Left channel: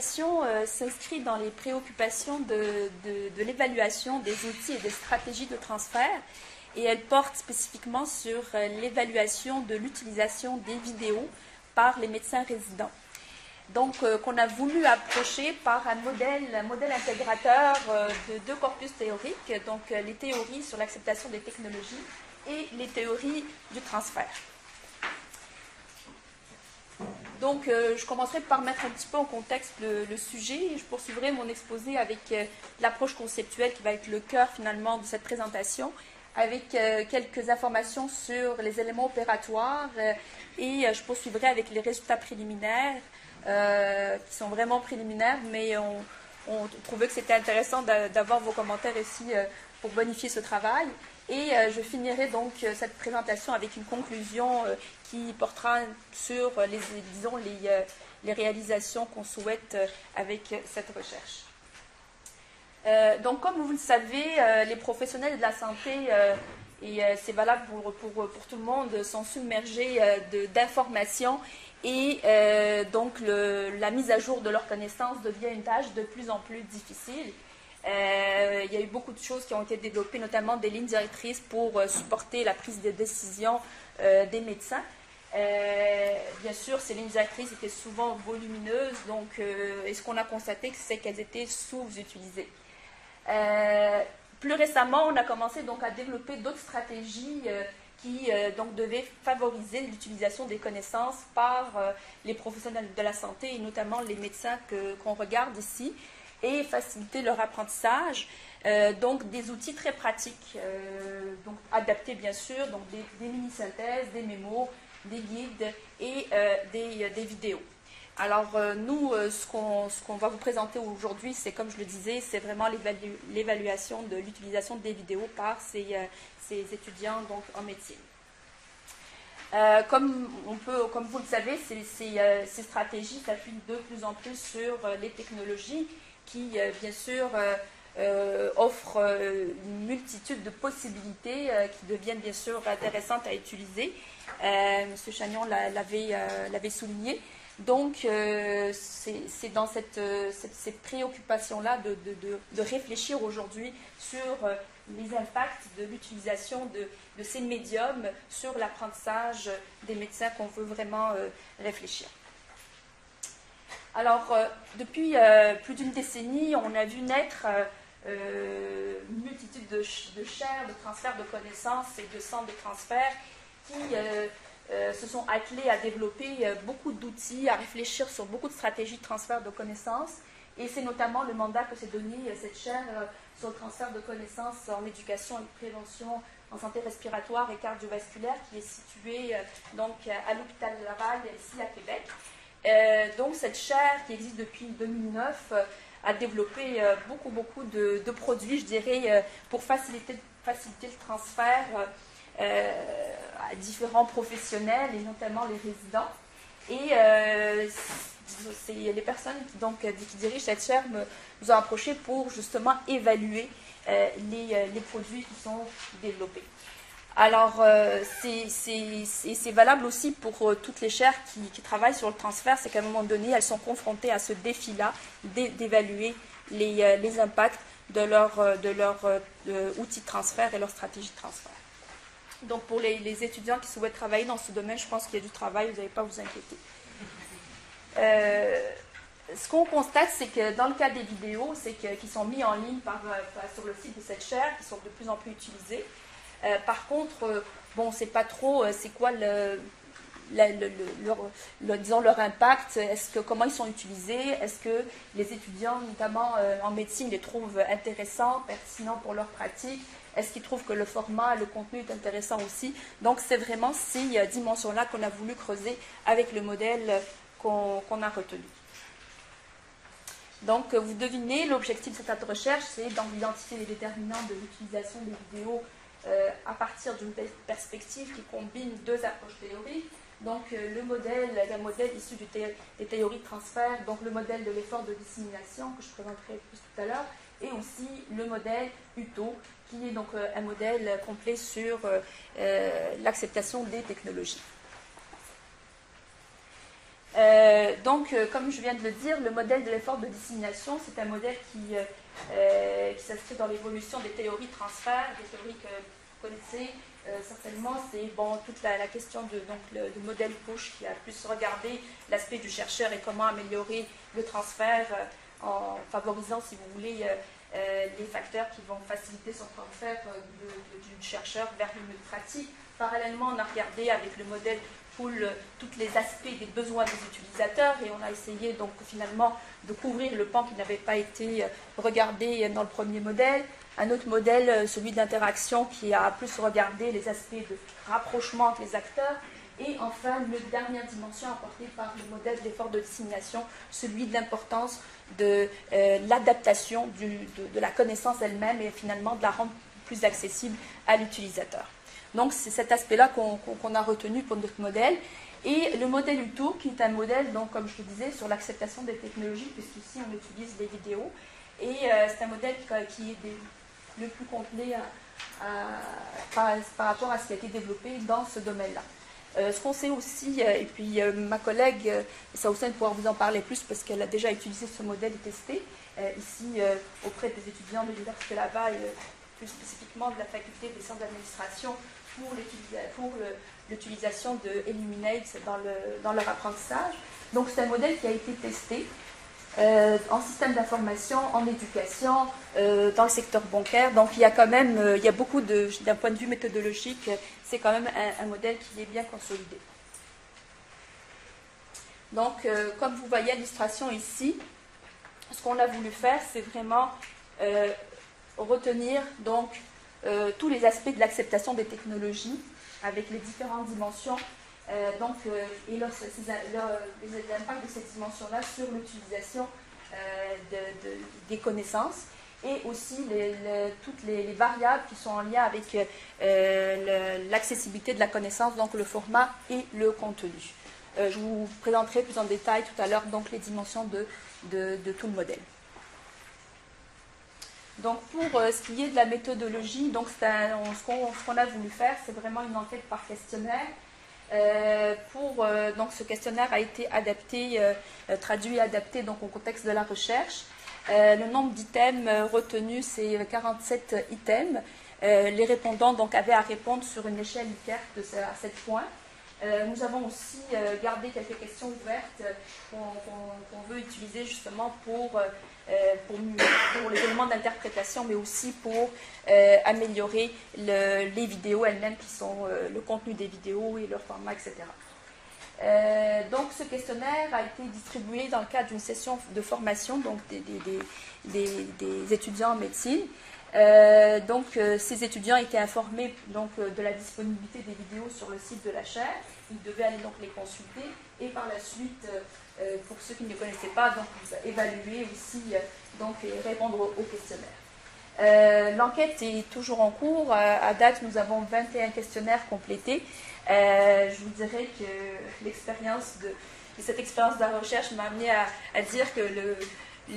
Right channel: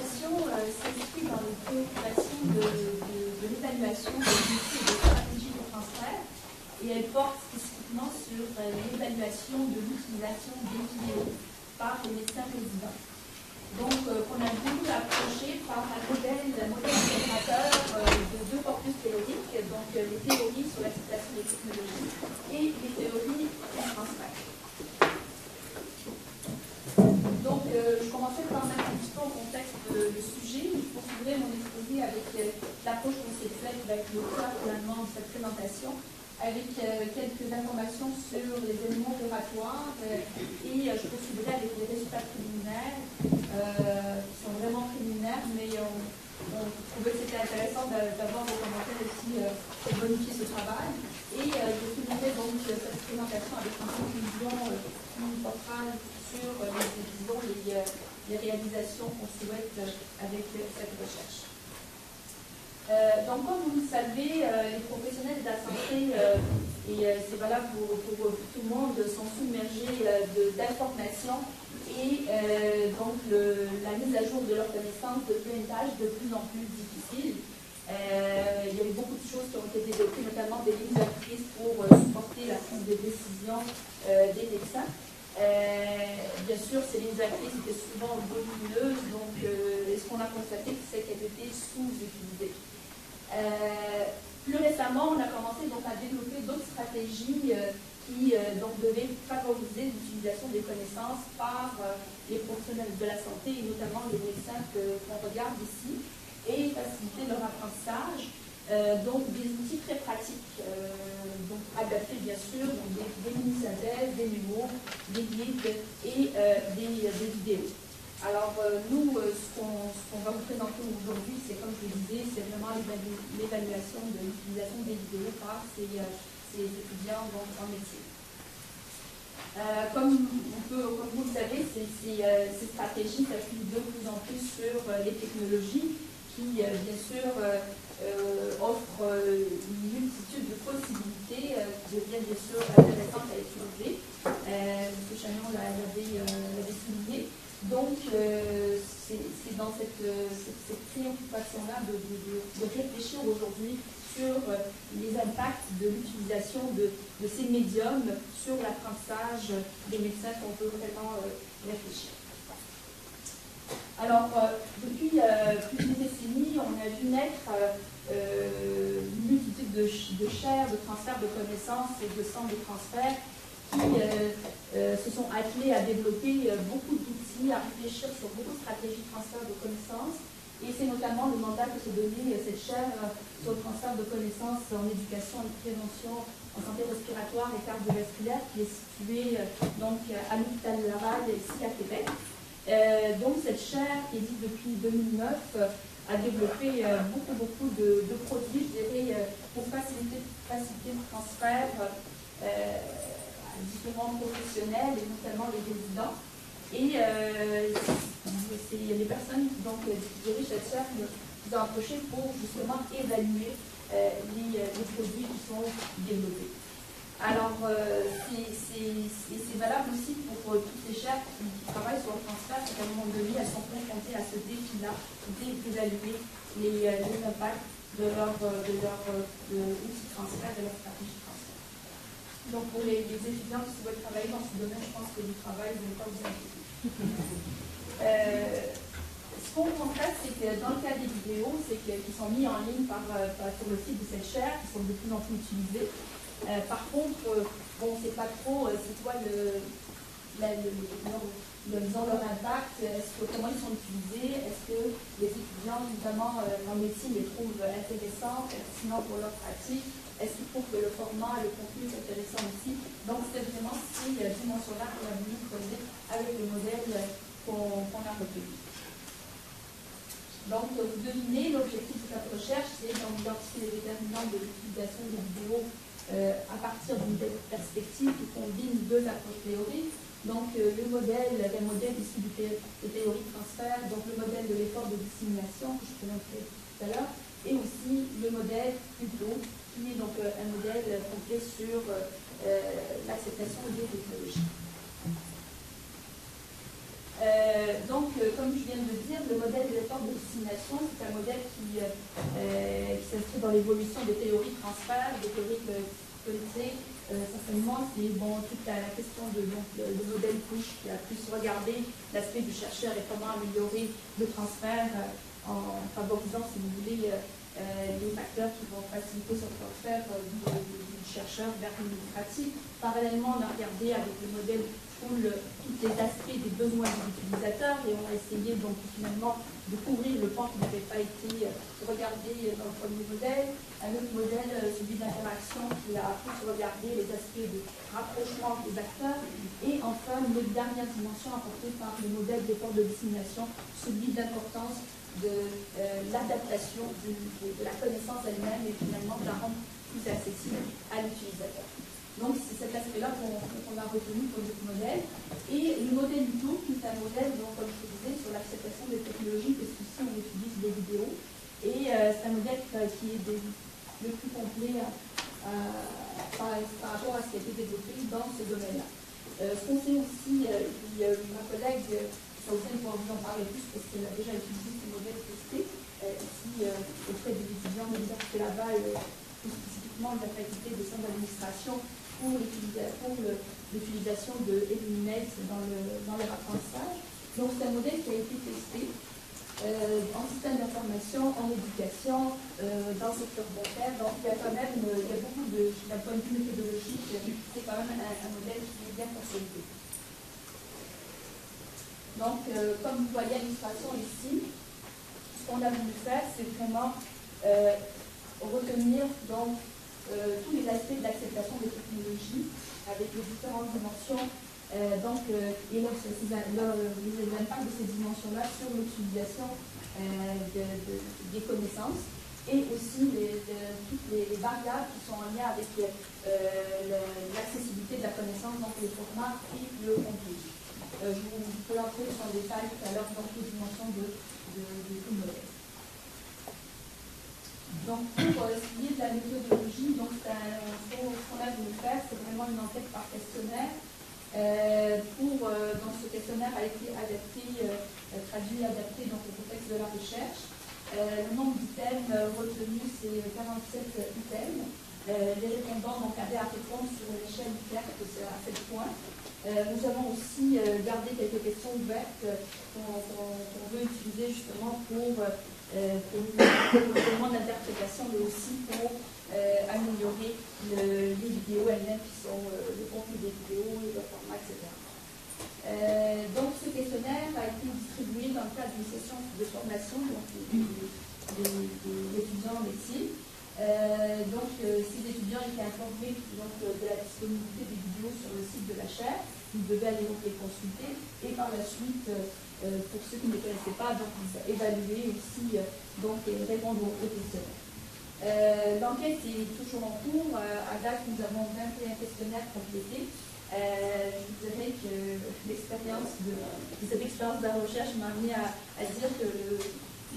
présentation s'inscrit dans les préoccupations de l'évaluation des outils et des stratégies de transfert, et elle porte spécifiquement sur l'évaluation de l'utilisation des vidéos par les médecins résidents. Donc, qu'on a voulu approcher par un modèle intégrateur de deux corpus théoriques, donc les théories sur l'acceptation des technologies et les théories du transfert. Donc, je commencerai par mettre un petit peu en contexte le sujet. Je poursuivrai mon exposé avec l'approche conceptuelle qui va être le cœur finalement de cette présentation, avec quelques informations sur les éléments opératoires et je poursuivrai avec les résultats préliminaires qui sont vraiment préliminaires, mais on trouvait que c'était intéressant d'avoir vos commentaires ici pour bonifier ce travail. Et je finirai donc cette présentation avec une conclusion qui portera sur les réalisations qu'on souhaite avec cette recherche. Donc, comme vous le savez, les professionnels de la santé, et c'est valable pour tout le monde, sont submergés d'informations et donc la mise à jour de leurs connaissances devient une tâche de plus en plus difficile. Il y a eu beaucoup de choses qui ont été développées, notamment des lignes directrices pour supporter la prise de décision des médecins. Bien sûr, ces lignes directrices étaient souvent volumineuses, donc et ce qu'on a constaté, c'est qu'elles étaient sous-utilisées. Plus récemment, on a commencé donc à développer d'autres stratégies qui donc devaient favoriser l'utilisation des connaissances par les professionnels de la santé et notamment les médecins qu'on regarde ici et faciliter leur apprentissage. Donc des outils très pratiques, donc adaptés bien sûr, donc des mini-synthèses, des mémos, des guides et des vidéos. Alors nous, ce qu'on va vous présenter aujourd'hui, c'est comme je le disais, c'est vraiment l'évaluation de l'utilisation des vidéos par ces étudiants donc, en médecine. Comme vous le savez, ces stratégies s'appuient de plus en plus sur les technologies qui, bien sûr, offrent une multitude de possibilités qui deviennent, bien sûr, intéressantes à utiliser. M. Chagnon l'avait souligné. Donc, c'est dans cette préoccupation-là de réfléchir aujourd'hui sur les impacts de l'utilisation de ces médiums sur l'apprentissage des médecins qu'on veut vraiment réfléchir. Alors, depuis plus d'une décennie, on a vu naître une multitude de chaires, de transferts de connaissances et de centres de transfert qui se sont attelés à développer beaucoup d'outils, à réfléchir sur beaucoup de stratégies de transfert de connaissances. Et c'est notamment le mandat que s'est donné cette chaire sur le transfert de connaissances en éducation et prévention en santé respiratoire et cardiovasculaire qui est située donc, à l'hôpital Laval, ici à Québec. Donc cette chaire qui existe depuis 2009 a développé beaucoup de produits, je dirais, pour faciliter le transfert à différents professionnels et notamment les résidents. Et les personnes donc, qui dirigent cette chaire nous ont approché pour justement évaluer les produits qui sont développés. Alors, c'est valable aussi pour toutes les chaires qui travaillent sur le transfert, c'est qu'à un moment donné, elles sont confrontées à ce défi-là d'évaluer les impacts de leur outil de transfert et leur stratégie de transfert. Donc, pour les étudiants qui souhaitent travailler dans ce domaine, je pense qu'il y a du travail, vous n'allez pas vous inquiéter. Ce qu'on constate, c'est que dans le cas des vidéos, c'est qu'ils sont mis en ligne sur le site de cette chaire, qui sont de plus en plus utilisés. Par contre, bon, c'est pas trop, c'est quoi disons leur impact, comment ils sont utilisés, est-ce que les étudiants, notamment en médecine, les trouvent intéressants, pertinents pour leur pratique, est-ce qu'ils trouvent que le format et le contenu est intéressant aussi. Donc c'est vraiment ces dimensions-là qu'on a voulu creuser avec le modèle qu'on a retenu. Donc vous devinez, l'objectif de cette recherche, c'est d'identifier les déterminants de l'utilisation des vidéos à partir d'une perspective qui combine deux approches théoriques. Donc le modèle issu des théories de transfert, donc le modèle de l'effort de dissémination que je présenterai tout à l'heure, et aussi le modèle UTO, qui est donc un modèle complet sur l'acceptation des technologies. Comme je viens de le dire, le modèle de l'effort de dissémination, c'est un modèle qui s'inscrit dans l'évolution des théories transfert, des théories que vous connaissez. Essentiellement, c'est toute la question du modèle push qui a plus regardé l'aspect du chercheur et comment améliorer le transfert en favorisant, si vous voulez, les facteurs qui vont faciliter son transfert du chercheur vers une pratique. Parallèlement, on a regardé avec le modèle pull tous les aspects des besoins des utilisateurs et on a essayé donc finalement de couvrir le pan qui n'avait pas été regardé dans le premier modèle. Un autre modèle, celui d'interaction, qui a plus regardé les aspects de rapprochement entre les acteurs. Et enfin, une dernière dimension apportée par le modèle d'effort de dissémination, celui de l'importance de l'adaptation de la connaissance elle-même et finalement de la rendre plus accessible à l'utilisateur. Donc c'est cet aspect-là qu'on a retenu pour notre modèle. Et le modèle UTOO, qui est un modèle, donc, comme je vous disais, sur l'acceptation des technologies, puisqu'ici on utilise des vidéos. Et c'est un modèle qui est le plus complet par rapport à ce qui a été développé dans ce domaine-là. Ce qu'on sait aussi, et puis ma collègue Saoussen pourra vous en parler plus parce qu'elle a déjà utilisé ce modèle testé ici auprès des étudiants de l'université là-bas et plus spécifiquement de la faculté des sciences d'administration pour l'utilisation de Illuminate dans leur apprentissage. Donc c'est un modèle qui a été testé en système d'information, en éducation, dans le secteur bancaire. Donc il y a quand même, beaucoup d'un point de vue méthodologique, c'est quand même un modèle qui est bien consolidé. Donc comme vous voyez à l'illustration ici, ce qu'on a voulu faire, c'est vraiment retenir donc tous les aspects de l'acceptation des technologies avec les différentes dimensions et l'impact de ces dimensions-là sur l'utilisation des connaissances et aussi toutes les variables qui sont en lien avec l'accessibilité de la connaissance, donc le format et le contenu. Je vous présenterai plus en détail tout à l'heure donc les dimensions de tout le modèle. Donc pour ce qui est de la méthodologie, donc ce qu'on a voulu faire, c'est vraiment une enquête par questionnaire. Donc ce questionnaire a été adapté, traduit et adapté donc, au contexte de la recherche. Le nombre d'items retenus, c'est 47 items. Les répondants donc, avaient à répondre sur une échelle ICAR à 7 points. Nous avons aussi gardé quelques questions ouvertes qu'on veut utiliser justement pour les éléments d'interprétation, mais aussi pour améliorer les vidéos elles-mêmes qui sont le contenu des vidéos et leur format, etc. Donc ce questionnaire a été distribué dans le cadre d'une session de formation donc des étudiants en médecine. Ces étudiants étaient informés donc, de la disponibilité des vidéos sur le site de la chaire. Ils devaient aller donc les consulter et par la suite, pour ceux qui ne connaissaient pas, donc, évaluer aussi donc, et répondre au questionnaire. L'enquête est toujours en cours. À date, nous avons 21 questionnaires complétés. Je vous dirais que cette expérience de la recherche m'a amené à dire que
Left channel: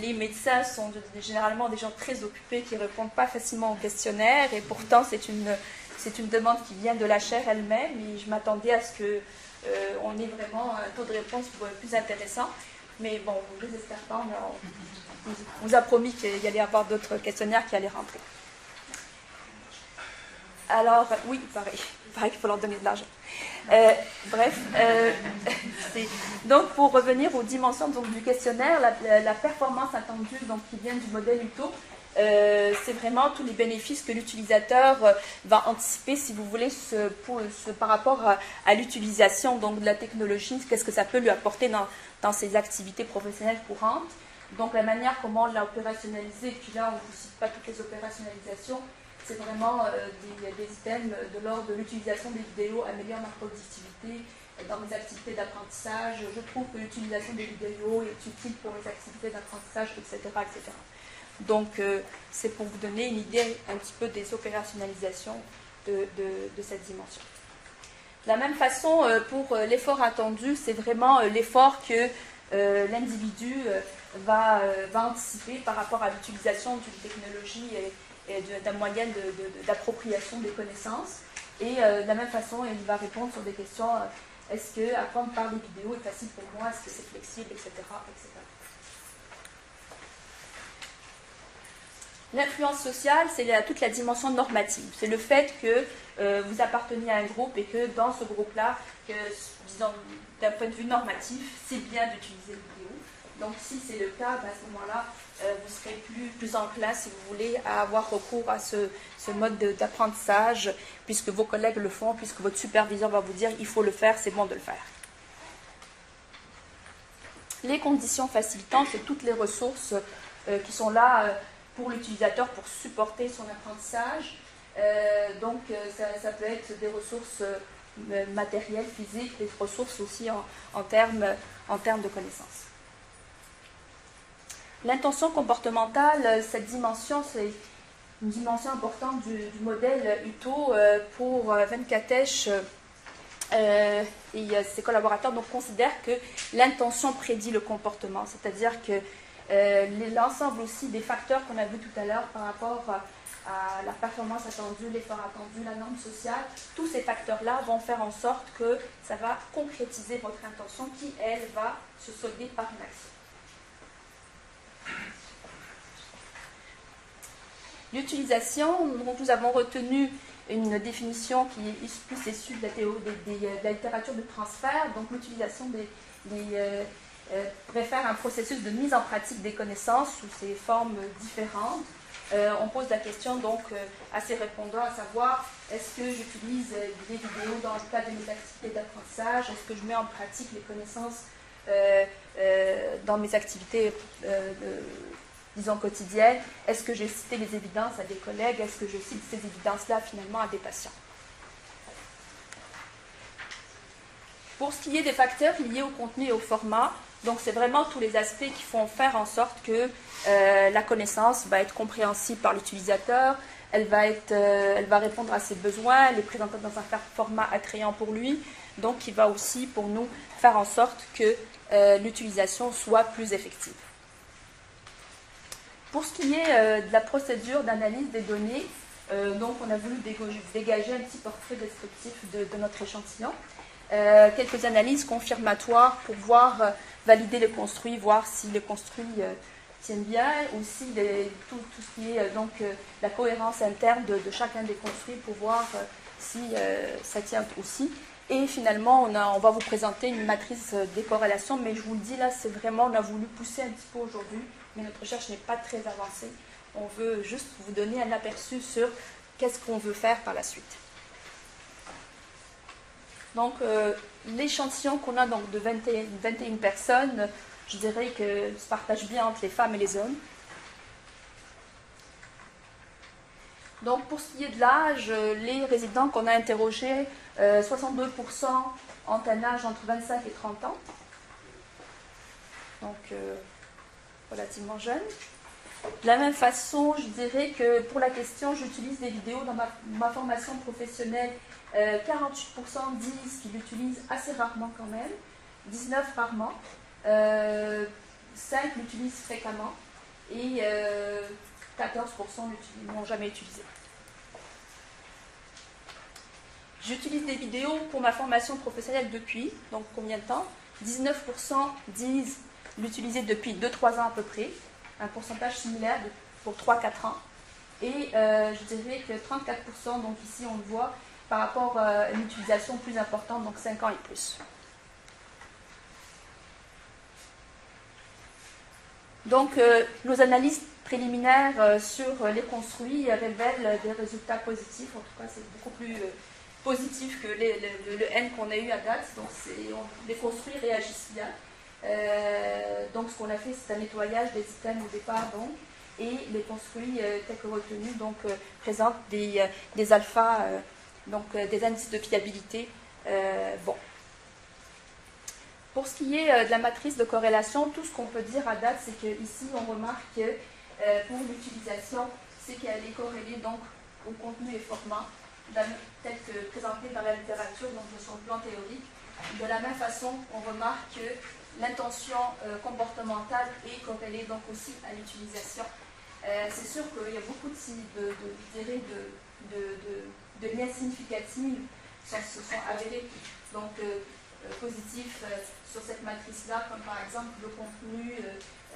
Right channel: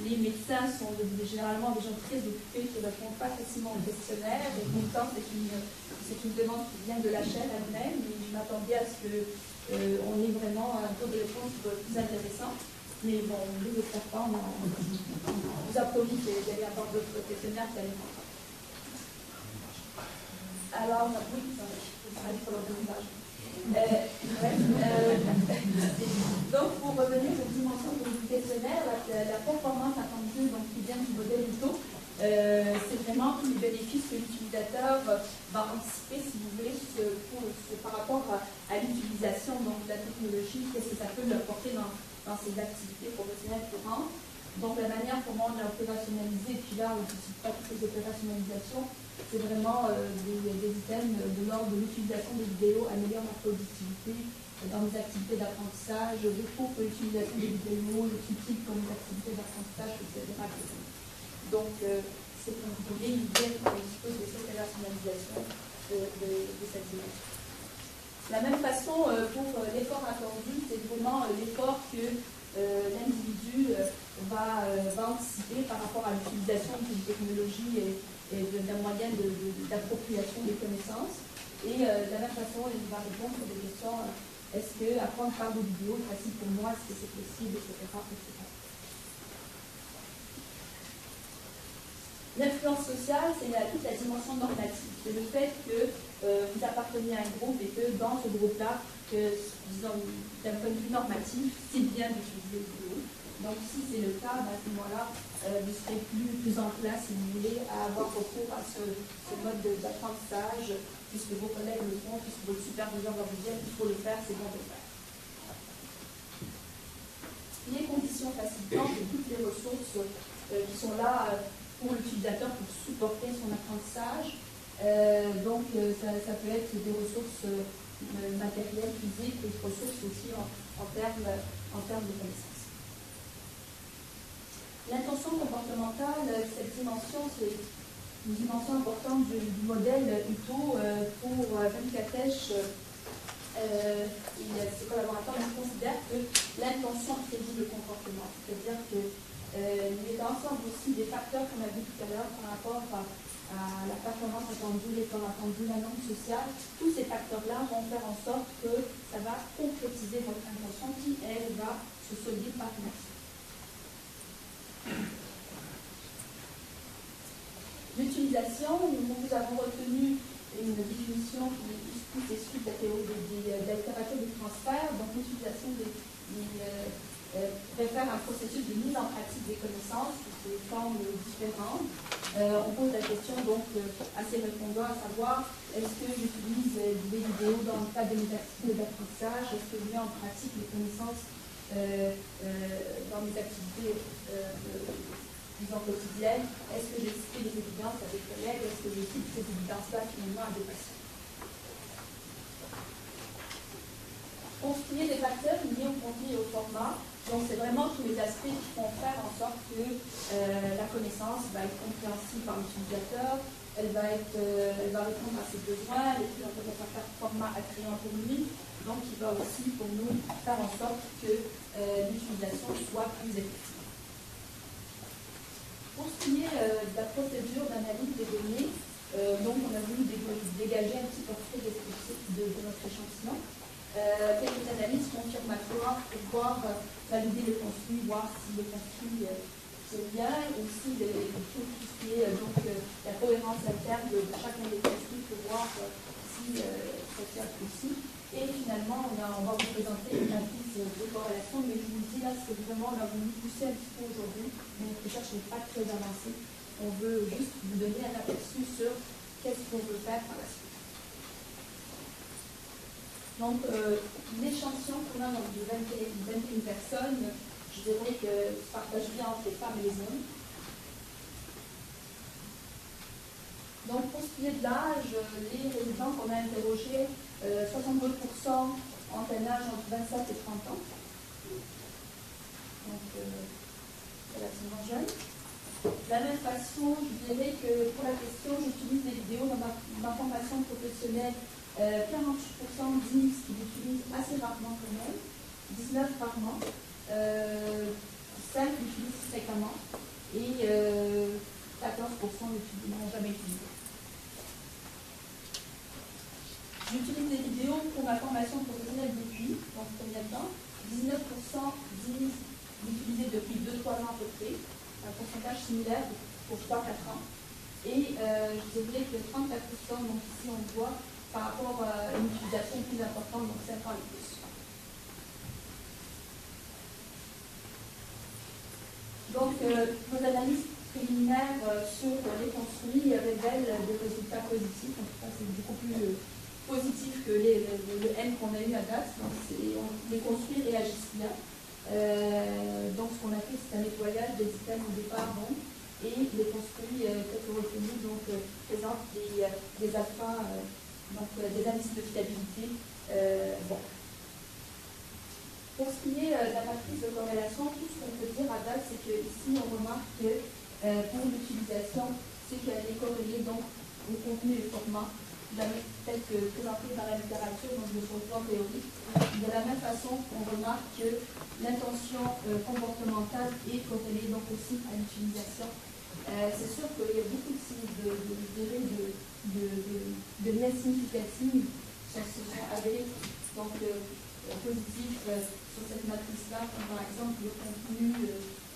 les médecins sont généralement des gens très occupés qui ne répondent pas facilement aux questionnaires et pourtant c'est une demande qui vient de la chaire elle-même et je m'attendais à ce qu'on ait vraiment un taux de réponse plus intéressant. Mais bon, je ne sais pas, on nous a promis qu'il y allait y avoir d'autres questionnaires qui allaient remplir. Alors, oui, pareil, il faut leur donner de l'argent. Donc, pour revenir aux dimensions donc, du questionnaire, la performance attendue donc, qui vient du modèle UTOO, c'est vraiment tous les bénéfices que l'utilisateur va anticiper, si vous voulez, par rapport à l'utilisation de la technologie, qu'est-ce que ça peut lui apporter dans ses activités professionnelles courantes. Donc, la manière comment on l'a opérationnalisé, et puis là, on ne décide pas toutes les opérationnalisations, c'est vraiment des items de l'ordre de l'utilisation des vidéos améliore la productivité dans les activités d'apprentissage. Je trouve que l'utilisation des vidéos est utile pour les activités d'apprentissage, etc., etc. Donc, c'est pour vous donner une idée un petit peu des opérationnalisations de cette dimension. De la même façon, pour l'effort attendu, c'est vraiment l'effort que l'individu va anticiper par rapport à l'utilisation d'une technologie et d'un moyen d'appropriation des connaissances. Et de la même façon, il va répondre sur des questions Est-ce que apprendre par des vidéos est facile pour moi? Est-ce que c'est flexible, etc., etc. L'influence sociale, c'est toute la dimension normative. C'est le fait que vous appartenez à un groupe et que dans ce groupe-là, disons, d'un point de vue normatif, c'est bien d'utiliser les vidéos. Donc si c'est le cas, à ce moment-là, vous serez plus enclin, si vous voulez, à avoir recours à ce mode d'apprentissage, puisque vos collègues le font, puisque votre superviseur va vous dire il faut le faire, c'est bon de le faire. Les conditions facilitantes, c'est toutes les ressources qui sont là pour l'utilisateur pour supporter son apprentissage. Donc ça peut être des ressources matérielles, physiques, des ressources aussi en termes de connaissances. L'intention comportementale, cette dimension, c'est une dimension importante du modèle UTO pour Venkatesh et ses collaborateurs. Donc considèrent que l'intention prédit le comportement, c'est-à-dire que l'ensemble aussi des facteurs qu'on a vu tout à l'heure par rapport à la performance attendue, l'effort attendu, la norme sociale, tous ces facteurs-là vont faire en sorte que ça va concrétiser votre intention qui, elle, va se solder par une action. L'utilisation, nous avons retenu une définition qui est plus issue de la théorie de la littérature de transfert. Donc l'utilisation réfère à un processus de mise en pratique des connaissances sous ses formes différentes. On pose la question donc à ces répondants, à savoir, est-ce que j'utilise les vidéos dans le cadre des activités d'apprentissage? Est-ce que je mets en pratique les connaissances dans mes activités disons quotidiennes? Est-ce que j'ai cité les évidences à des collègues? Est-ce que je cite ces évidences-là finalement à des patients? Pour ce qui est des facteurs liés au contenu et au format, donc c'est vraiment tous les aspects qui font faire en sorte que la connaissance va être compréhensible par l'utilisateur, elle va répondre à ses besoins, elle est présentée dans un format attrayant pour lui, donc qui va aussi pour nous faire en sorte que l'utilisation soit plus effective. Pour ce qui est de la procédure d'analyse des données, donc on a voulu dégager un petit portrait descriptif de notre échantillon. Quelques analyses confirmatoires pour valider les construits, voir si les construits tiennent bien, ou si tout ce qui est donc la cohérence interne de chacun des construits pour voir si ça tient aussi. Et finalement, on va vous présenter une matrice des corrélations, mais je vous le dis là, c'est vraiment, on a voulu pousser un petit peu aujourd'hui, mais notre recherche n'est pas très avancée. On veut juste vous donner un aperçu sur qu'est-ce qu'on veut faire par la suite. Donc, l'échantillon qu'on a donc de 21 personnes, je dirais que se partage bien entre les femmes et les hommes. Donc, pour ce qui est de l'âge, les résidents qu'on a interrogés, 62% ont un âge entre 25 et 30 ans. Donc, relativement jeune. De la même façon, je dirais que pour la question, j'utilise des vidéos dans ma formation professionnelle. 48% disent qu'ils l'utilisent assez rarement quand même, 19 rarement, 5 l'utilisent fréquemment et 14% n'ont jamais utilisé. J'utilise des vidéos pour ma formation professionnelle depuis, donc combien de temps? 19% disent l'utiliser depuis 2-3 ans à peu près, un pourcentage similaire pour 3-4 ans. Et je dirais que 34%, donc ici on le voit, par rapport à une utilisation plus importante, donc 5 ans et plus. Donc, nos analyses préliminaires sur les construits révèlent des résultats positifs. En tout cas, c'est beaucoup plus positif que le N qu'on a eu à date. Donc, les construits réagissent bien. Donc, ce qu'on a fait, c'est un nettoyage des items au départ, donc, et les construits tels que retenus présentent des alphas. Donc des indices de fiabilité. Bon. Pour ce qui est de la matrice de corrélation, tout ce qu'on peut dire à date, c'est qu'ici, on remarque que pour l'utilisation, c'est qu'elle est corrélée donc, au contenu et format, tel que présenté par la littérature, donc sur le plan théorique. De la même façon, on remarque que l'intention comportementale est corrélée donc aussi à l'utilisation. C'est sûr qu'il y a beaucoup de liens significatifs qui se sont avérés. Donc, positifs sur cette matrice-là, comme par exemple le contenu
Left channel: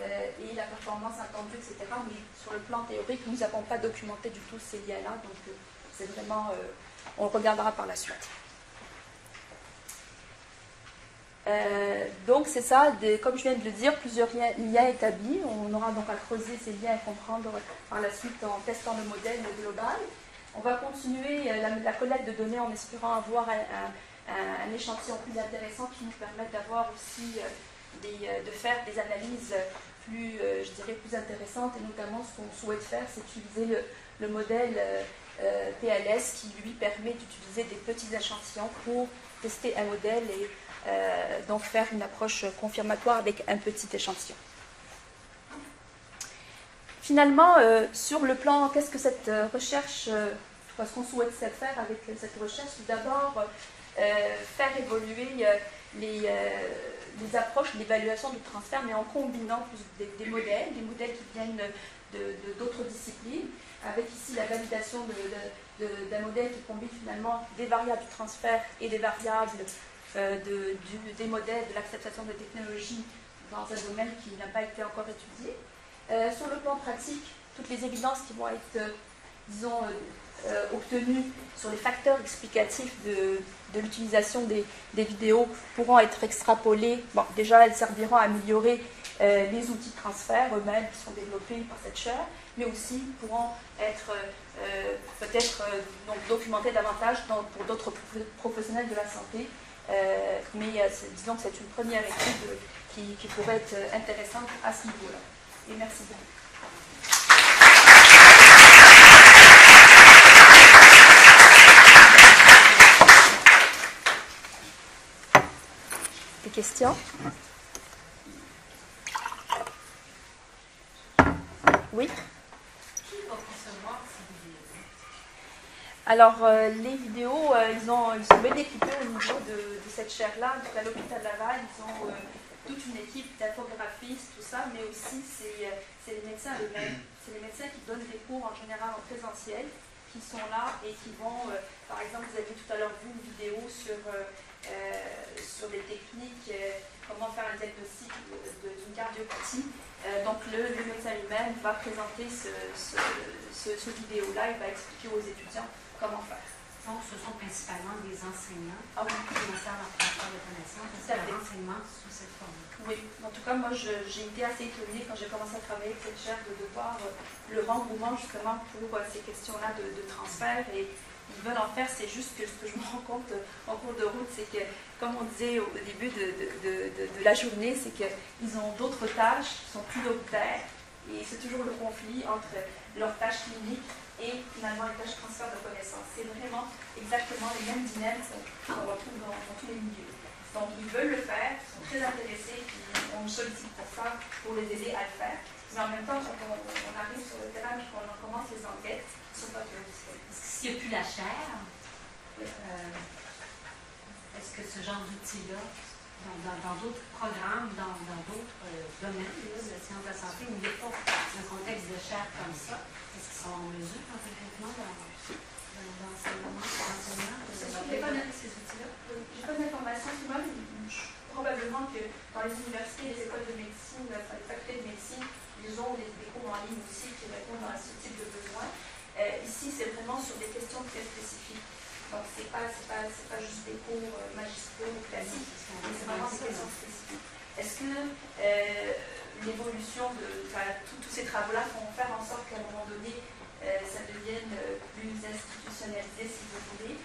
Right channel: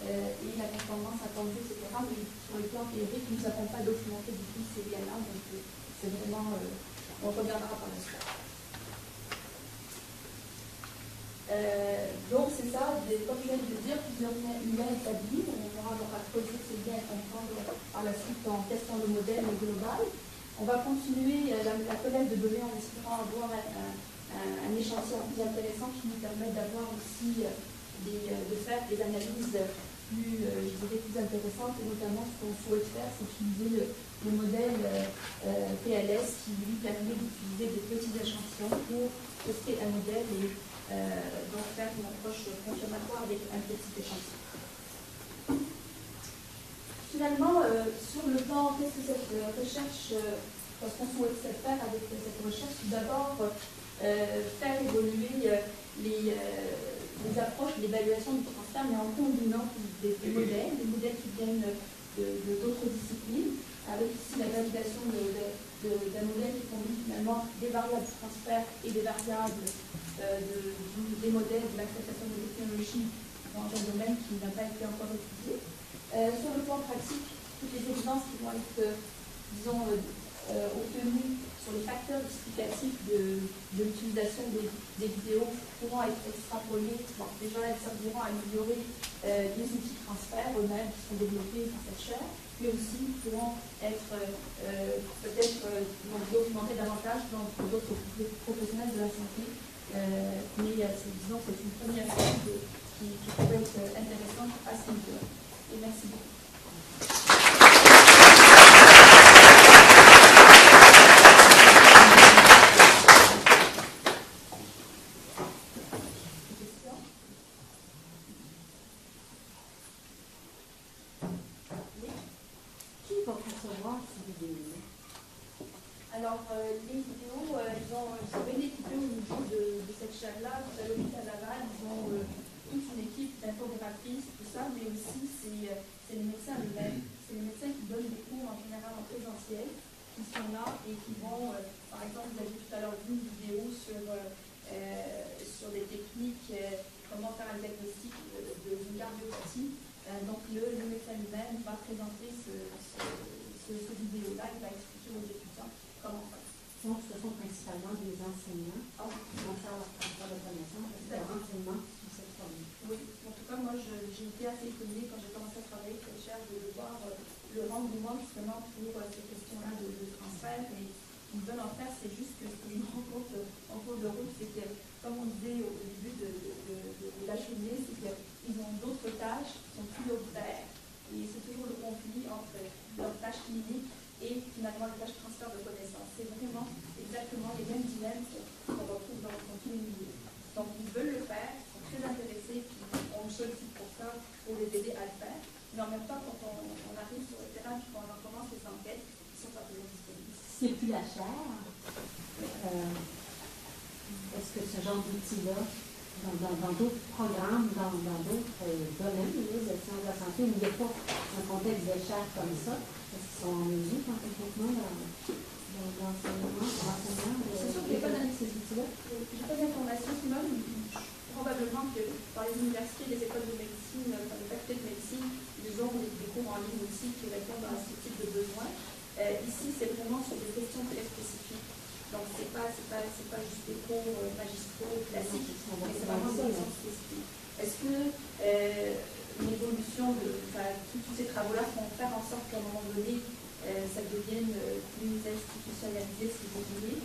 et la performance attendue, etc. Mais sur le plan théorique, nous n'avons pas documenté du tout ces liens-là, donc c'est vraiment, on regardera par la suite. Donc c'est ça, comme je viens de le dire, plusieurs liens établis. On aura donc à creuser ces liens et comprendre par la suite en testant le modèle global. On va continuer la collecte de données en espérant avoir un échantillon plus intéressant qui nous permette d'avoir aussi de faire des analyses plus, je dirais, plus intéressantes. Et notamment, ce qu'on souhaite faire, c'est utiliser le modèle PLS qui lui permet d'utiliser des petits échantillons pour tester un modèle et donc faire une approche confirmatoire avec un petit échantillon. Finalement, sur le plan, qu'est-ce que cette recherche, ce qu'on souhaite faire avec cette recherche, tout d'abord faire évoluer les approches d'évaluation du transfert, mais en combinant des modèles qui viennent d'autres disciplines, avec ici la validation d'un modèle qui combine finalement des variables du transfert et des variables des modèles de l'acceptation de technologies dans un domaine qui n'a pas été encore étudié. Sur le plan pratique, toutes les évidences qui vont être, disons, obtenues sur les facteurs explicatifs de l'utilisation des vidéos pourront être extrapolées. Bon, déjà, elles serviront à améliorer les outils de transfert eux-mêmes qui sont développés par cette chaire, mais aussi pourront être peut-être documentés davantage pour d'autres professionnels de la santé. Mais disons que c'est une première étude qui pourrait être intéressante à ce niveau-là. Et merci beaucoup. Des questions? Oui? Qui va concevoir ces vidéos? Alors, les vidéos, ils sont bien équipés au niveau de cette chaire-là. À l'hôpital Laval, ils ont toute une équipe d'infographistes, tout ça, mais aussi c'est les médecins eux-mêmes. C'est les médecins qui donnent des cours en général en présentiel, qui sont là et qui vont, par exemple, vous avez tout à l'heure vu une vidéo sur les techniques, comment faire un diagnostic d'une cardiopathie. Donc, le médecin lui-même va présenter ce vidéo-là, il va expliquer aux étudiants comment faire. Donc, ce sont principalement des enseignants qui vont faire leur transfert de connaissances, parce que l'enseignement sous cette forme. Oui, en tout cas, moi, j'ai été assez étonnée quand j'ai commencé à travailler avec cette chaire de voir le engouement justement pour ces questions-là de transfert. Et ils veulent en faire, c'est juste que ce que je me rends compte en cours de route, c'est que, comme on disait au début de la journée, c'est qu'ils ont d'autres tâches qui sont prioritaires. Et c'est toujours le conflit entre leurs tâches cliniques et finalement les tâches de transfert de connaissances. C'est vraiment exactement les mêmes dilemmes qu'on retrouve dans tous les milieux. Donc ils veulent le faire, ils sont très intéressés, puis on nous sollicite pour ça, pour les aider à le faire. Mais en même temps, quand on arrive sur le terrain et qu'on commence les enquêtes, ils ne sont pas toujours disponibles. S'il n'y a plus la chaire, est-ce que ce genre d'outil-là, dans d'autres programmes, dans d'autres domaines de sciences de la santé, il n'y a pas un contexte de chaire comme ça? Est-ce qu'ils sont en mesure, complètement, l'enseignement? C'est sûr que je n'ai pas donné ces outils-là. Je n'ai pas d'informations sur moi. Probablement que dans les universités, les écoles de médecine, dans les facultés de médecine, ils ont des cours en ligne aussi qui répondent à ce type de besoins. Ici, c'est vraiment sur des questions très spécifiques. Donc, ce n'est pas juste des cours magistraux classiques, mais c'est vraiment des questions spécifiques. Est-ce que l'évolution de tous ces travaux-là vont faire en sorte qu'à un moment donné, ça devienne plus institutionnalisé, si vous voulez?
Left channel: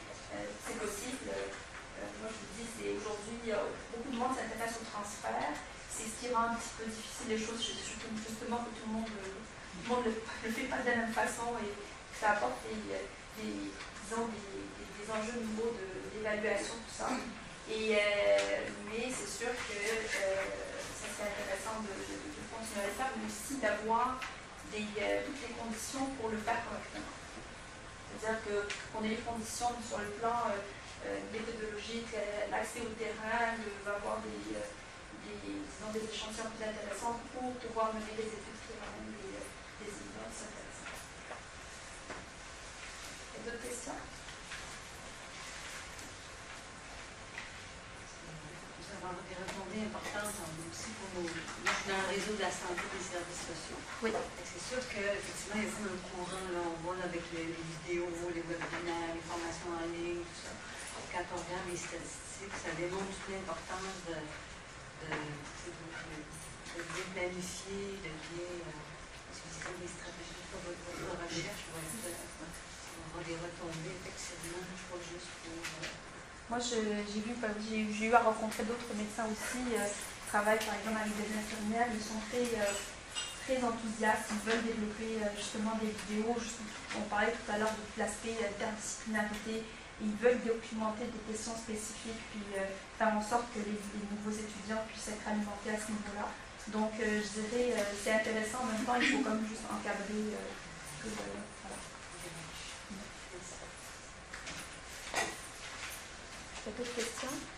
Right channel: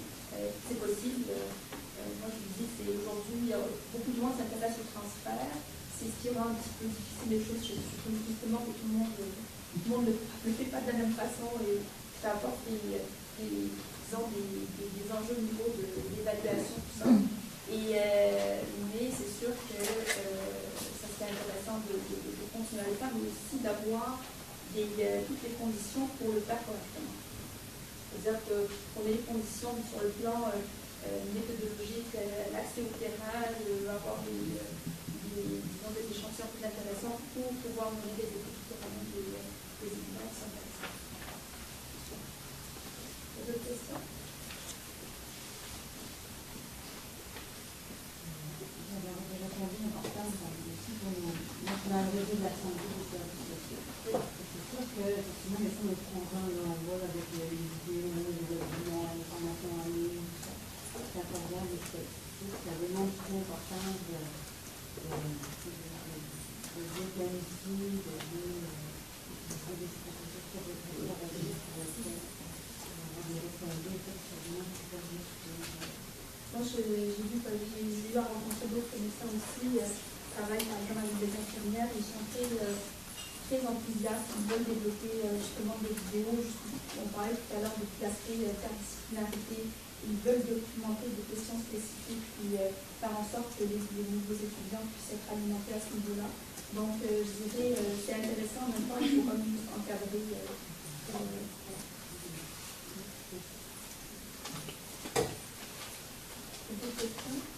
C'est possible. Moi, je vous dis, c'est aujourd'hui, beaucoup de monde s'intéresse au transfert. C'est ce qui rend un petit peu difficile les choses. Je trouve justement que tout le monde ne le fait pas de la même façon et que ça apporte des enjeux au niveau d'évaluation, tout ça. Mais c'est sûr que ça serait intéressant de continuer à le faire, mais aussi d'avoir toutes les conditions pour le faire correctement. C'est-à-dire qu'on ait les conditions sur le plan méthodologique, l'accès au terrain, avoir des échantillons plus intéressants pour pouvoir mener des études qui ramènent des évidences intéressantes. D'autres questions? sociaux. Oui. C'est sûr qu'effectivement, il y a ça notre courant, là, on voit avec les vidéos, les webinaires, les formations en ligne, tout ça. Quand on regarde les statistiques, ça démontre toute l'importance de bien planifier, de bien utiliser des stratégies pour recherche, pour avoir des retombées, effectivement, pas juste. Moi, j'ai eu à rencontrer d'autres médecins aussi qui travaillent par exemple avec des infirmières. Ils sont très enthousiastes, ils veulent développer justement des vidéos. On parlait tout à l'heure de l'aspect interdisciplinarité. Ils veulent documenter des questions spécifiques, puis faire en sorte que les nouveaux étudiants puissent être alimentés à ce niveau-là. Donc, je dirais, c'est intéressant, en même temps, il faut comme juste encadrer. D'autres questions?